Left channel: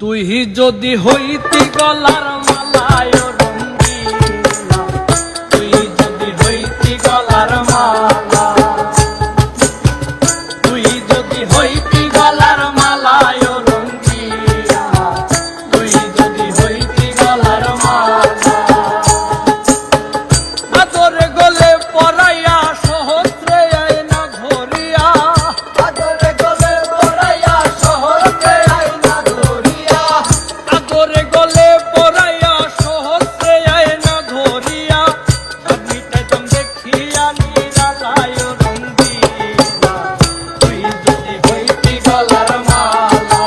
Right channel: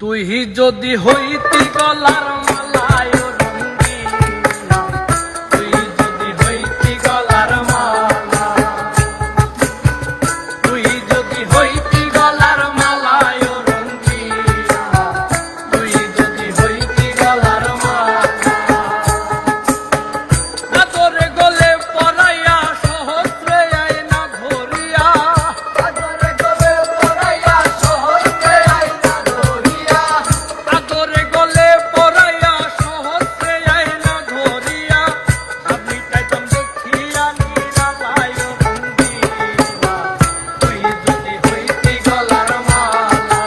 তুই যদি হইতি গলার মালায় রঙ্গিলা, তুই যদি হইতি গলার মালা, তুই যদি হইতি গলার মালায় রঙ্গিলা, তুই যদি হইতি গলার মালা, আদরে গলে পরাইয়া সহস্রে আয়না ধরিয়া, আদরে গলে পরাইয়া সহস্রে আয়না ধরিয়া, আদরে গলে পরাইয়া সহস্রে আয়না ধরিয়া, আপনি তাইতাম দেখিয়া নিরালায় রঙ্গিলা, তুই যদি হইতি গলার মালা,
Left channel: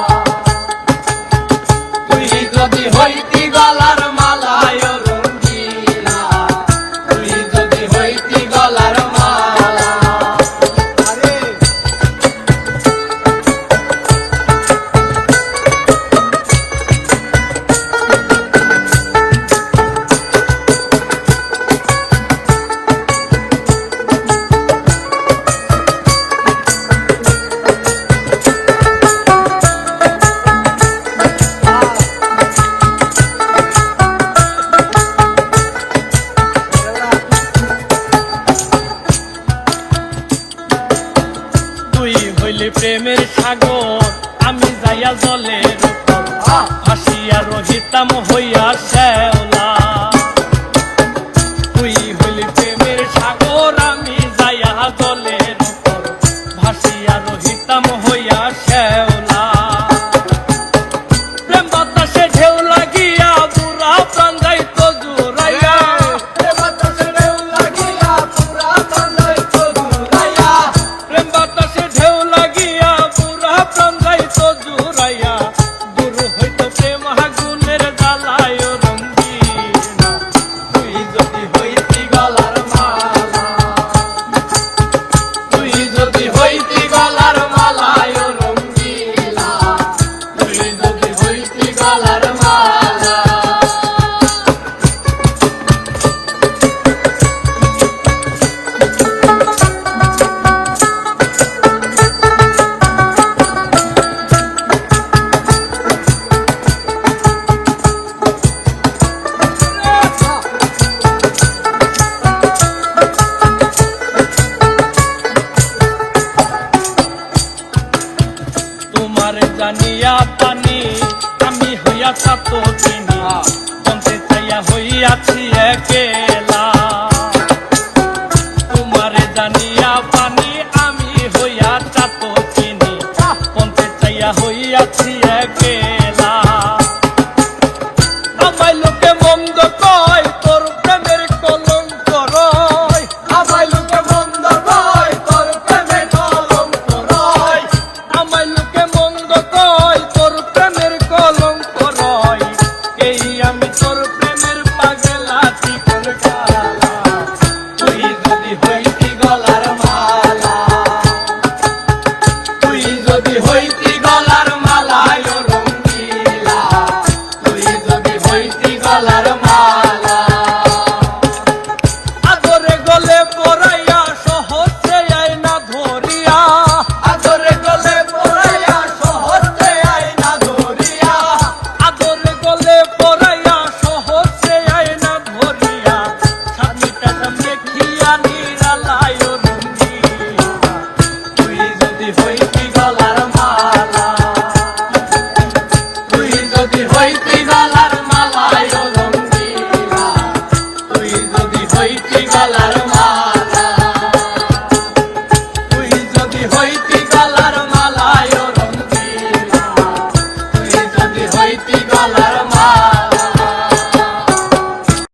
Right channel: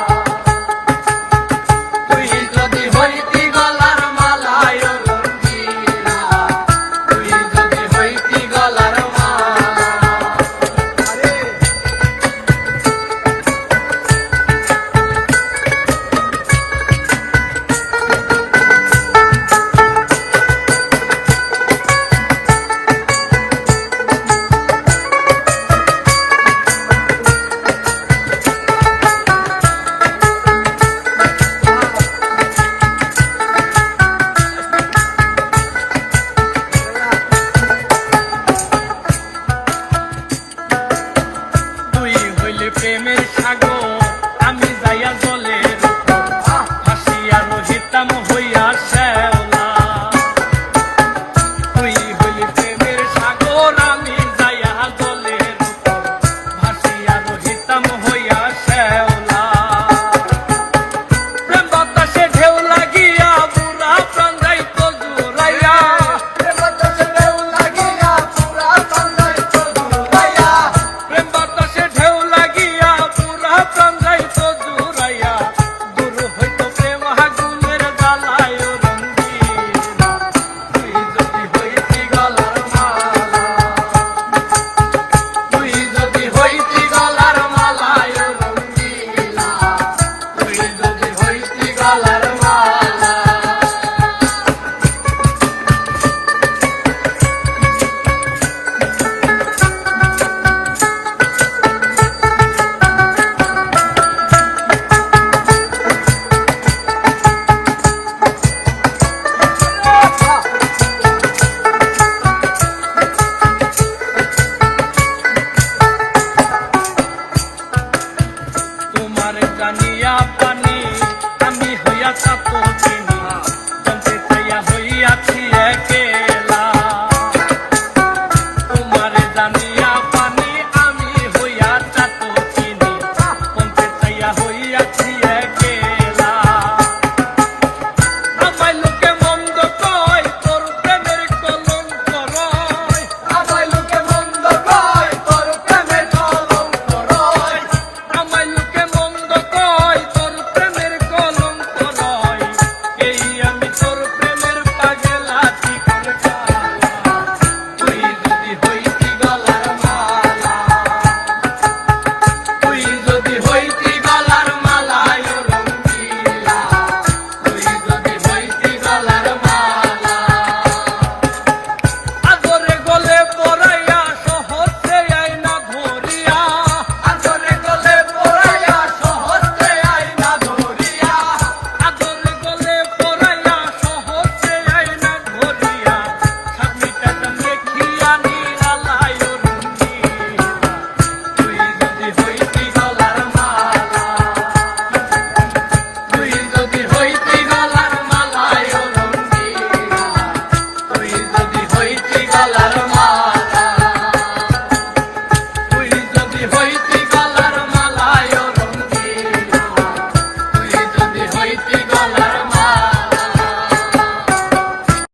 তুই যদি হইতি গলার মালায় রঙ্গিলা, তুই যদি হইতি গলার মালা। তুই হইলি প্রেমের সাগর, আমি যাইয়া জলের উপর ভাসিয়া রহিতাম হইয়া শ্যাওলা, তুই হইলি প্রেমের সাগর, আমি যাইয়া জলের উপর ভাসিয়া রহিতাম হইয়া শ্যাওলা, প্রেম বাতাসে ঢেউ লাগিয়া বুড়া প্রাণ যাইত জুড়াইয়া, প্রেম বাতাসে ঢেউ লাগিয়া বুড়া প্রাণ যাইত জুড়াইয়া, প্রেম বাতাসে ঢেউ লাগিয়া বুড়া প্রাণ যাইত জুড়াইয়া, দূর হইত প্রেম আগুনের জ্বালায় রঙ্গিলা, তুই যদি হইতি গলার মালা, তুই যদি হইতি গলার মালায় রঙ্গিলা, তুই যদি হইতি গলার মালা। তোমার জানিয়া পানি আমি হইয়া ছাত্র